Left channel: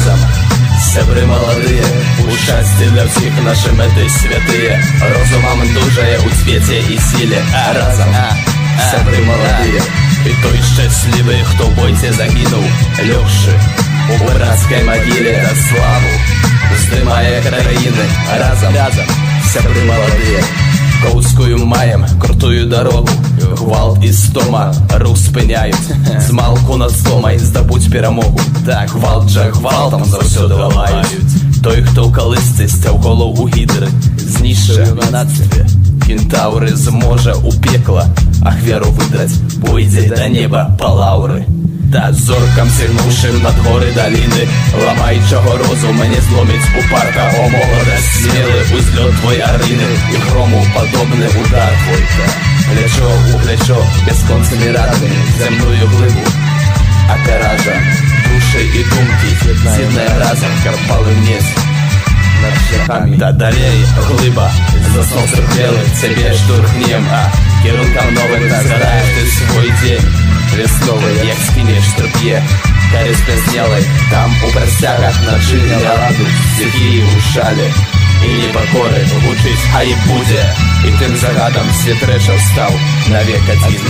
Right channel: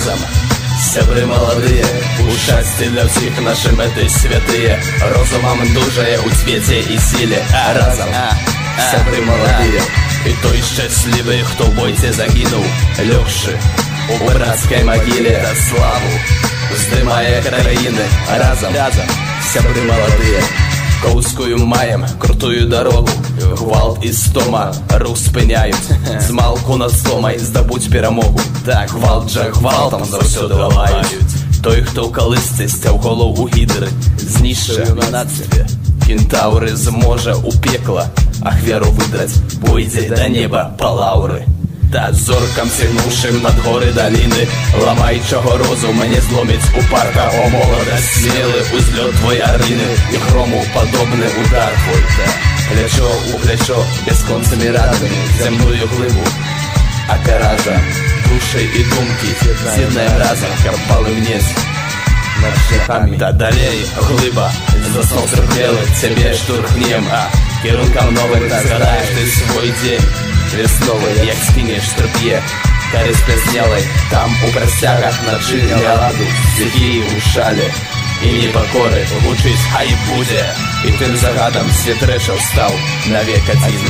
разом. Сябры маладыя, у шчасці для ўсіх нашы мэты святыя, розумам дужае ў цвеце і сіле, разам. Сябры маладыя, і той шчаслівы, хто ў бойце загінуў, лёгшы у брацкай магіле да славу уздымае краіны, разам. Сябры маладыя, Коўскую маем крутую дарогу, гвалт і стома рух спыняюць, змалку над стомай здабуць перамогу. Так, гвалт жа гвалтам заўсёды ламаюць. Той, хто ў калысцы сцяў голаў у гідры, знішча юнацтве. Кентаўры зможа ў пекла ахвяру выдраць, пойдзе да неба па лаўры. Да зоркам сігнуўшым над горы даліны, ламаючага розум не зломіць упарта, о моладасць, смелы ўзлёт твой арыны і грому падобны удар твой. Плячо ў плячо бясконцымі радамі зямную глыбу акаража душы і думкі, з'яднаем разам, каб палымнець над шляхамі. Та далей глыба заснов цярпелых цябе штурхнем, кірункам новым згадаеш ты свой дзень весновы, як скінеш трп'е карі спязнелай, там у прасцягах начы ляду стыхіі ў шале і непакоры гучыць хай будзе, і тым загадам свет рэчаў стаў навек адзін.